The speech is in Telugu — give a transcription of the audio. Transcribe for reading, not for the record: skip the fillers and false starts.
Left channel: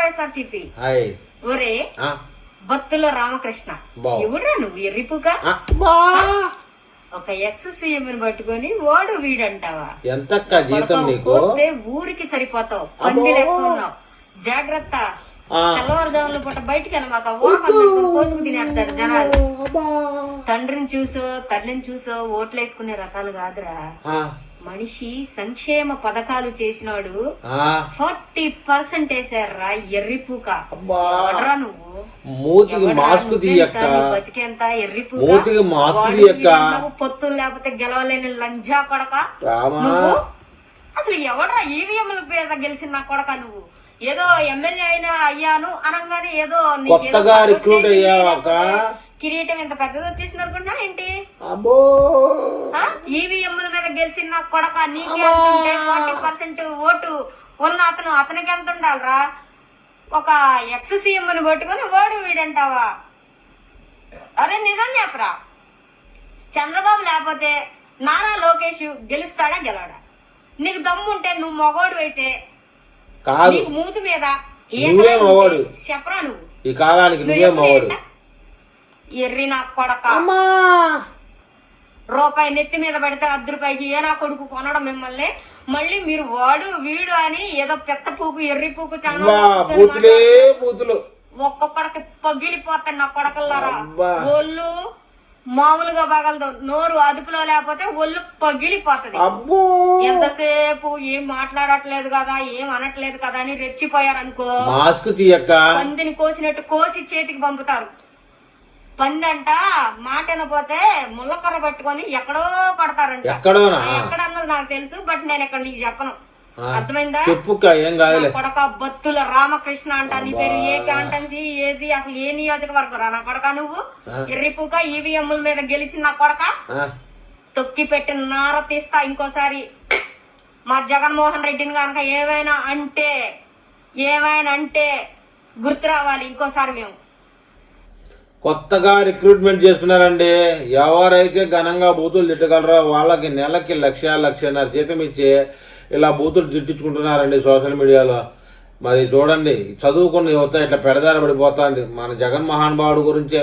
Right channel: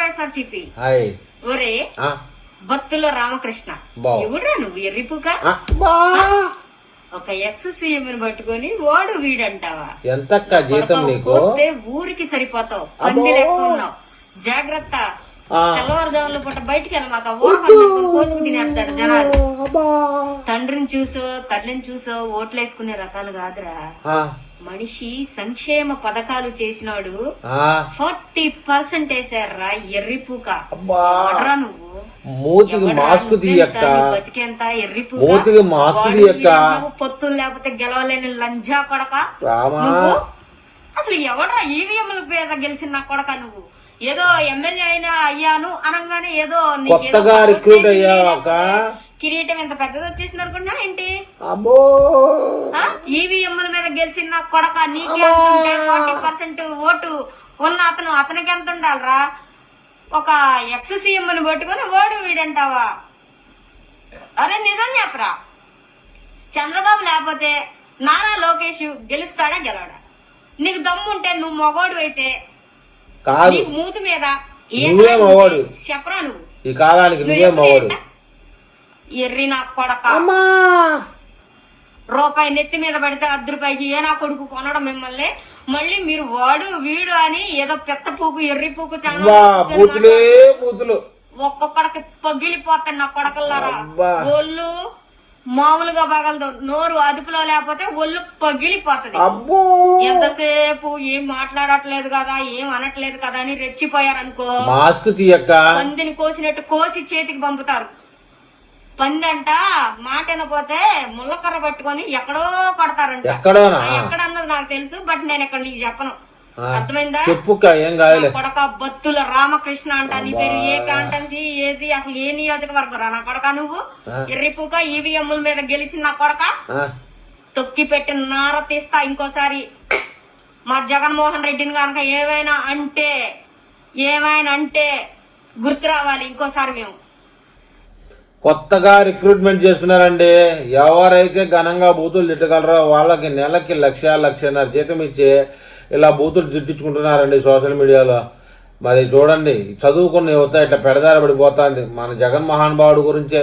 వైఎస్ఆర్సీపీ. హాయ్ ఒరే భక్తుల రామకృష్ణ, ఎవడా నువ్వు ఎర్రిపుగా? ఒక ఎక్స్-సీఎం పట్టుకొని వాడు వీడంటావా? ఎంతక్క జీతం నీకు? ఊరికి సరిపోతావు. జాగ్రత్త, తెల్లవారుజాముల పూట బయటికి వెళ్ళమాక. తినేస్తారు జనాలు. తండ్రిని చూసో తల్లిని చూసో ఓట్లు వేసుకునే రకాలు కాదురా. మనిషి సంక్షేమ పథకాలు చేసినాడు 40% వేసారా ఎర్రిపూక. నువ్వు మూతికి మాస్క్ తీయక్క, మూతికి మాస్క్ తీయక్క. పొత్తులు లేకపోతే గెలవలేని లంజా కొడక. అసలు ఎవడా ఈవీఎంల మీద గెలిచిన కొడక నువ్వు? ఏదో ఎమ్మెల్యే అయినా అయ్యాను అనగానే ఏదో కొత్తగా రిక్రూట్ అయ్యాక కిరీటం ఎంత పెద్దది వచ్చేసింది అనుకున్నా ఏంటి? ఈవీఎంల మీద గెలిచిన కొడక. నీకు 40% ఓటు ఉన్న అతనికి ఎంత ఉండాలరా? ఒక ఎక్స్-సీఎం పట్టుకొని వాడు వీడంటావా? అదే నిజం చెప్పరా. చంద్రబాబు లేకపోతే నారా లోకేష్ గెలుస్తాడా గెలవడా? నీకు దమ్ముంటే నువ్వు మగోడు అయితే కాదు, మూతి మీద నువ్వే మగోడు చెప్పరా. నువ్వు ఈ కాలానికి నువ్వే మగోడు. ఎర్రి నా కొడక. రూపాయి నెత్తి మీద పడితే ₹10 ఏ నా కొడుకు కొనడం మిమ్మల్ని. మళ్ళీ మీరు వాడు వీడు అని ఏదో పెద్ద పూకు ఎర్రి పూకు బూతులే బూతులు ఒక్కొక్కడికి పగిలిపోతాయి నా కొడకల్లారా. ఒళ్ళు మామూలుగా పగలదు, నోరు అదుపులో లేకపోతే ఒళ్ళు పగిలిపోతుంది. ఎంతసేపు ఏం మాట్లాడట్లేదు కదా, ఏం అనట్లేదు కదా అని రెచ్చిపోయారనుకో, మాస్క్ తీయక్క. పందిని కోసినట్టు కోసి చేతికి పంపుతారు. పంది అంట మాట వినపోతే ముళ్ళకర్ర పట్టుకొని ఎక్కడో కొడతారంట. ఎక్కడన్నది నాకు తెలుసు, బట్ నేను ఇక్కడ నీకు చెప్పను. అర్థమైందా? చెప్పుక్క, ఏం కాదులే. కొడక బత్తుల రామకృష్ణ అంట. నీ పేరు ఏ కాంటెన్సీ ఏది, అసలు ఏ నియోజకవర్గం రా నా కొడక? నువ్వు ఎర్రిపూక ఈవీఎంల మీద గెలిచిన నా కొడక. తొక్కి పెట్టిన నార తీస్తా ఇంకోసారి. మా జగన్మోహన్ రెడ్డిని కనుక ఏమైనా అంటే గుర్తు రావాలి ఇంకోసారి. మేము కొత్తగా రిక్రూట్మెంట్ చేస్తున్నారండి. ఎవరైతే ఘనంగా బూతులు తిట్టగలరో వాళ్ళకి నెలకి 1,00,000-1,50,000 జీతం ఇచ్చి ఇలా బూతులు తిట్టించుకుంటున్నారండి సోషల్ మీడియాలో. మరి చూడండి, చదువుకున్న యువత ఇట్లా పెడదారి పడిపోతుంది. మన జగన్ మహానుభావుడు గురించే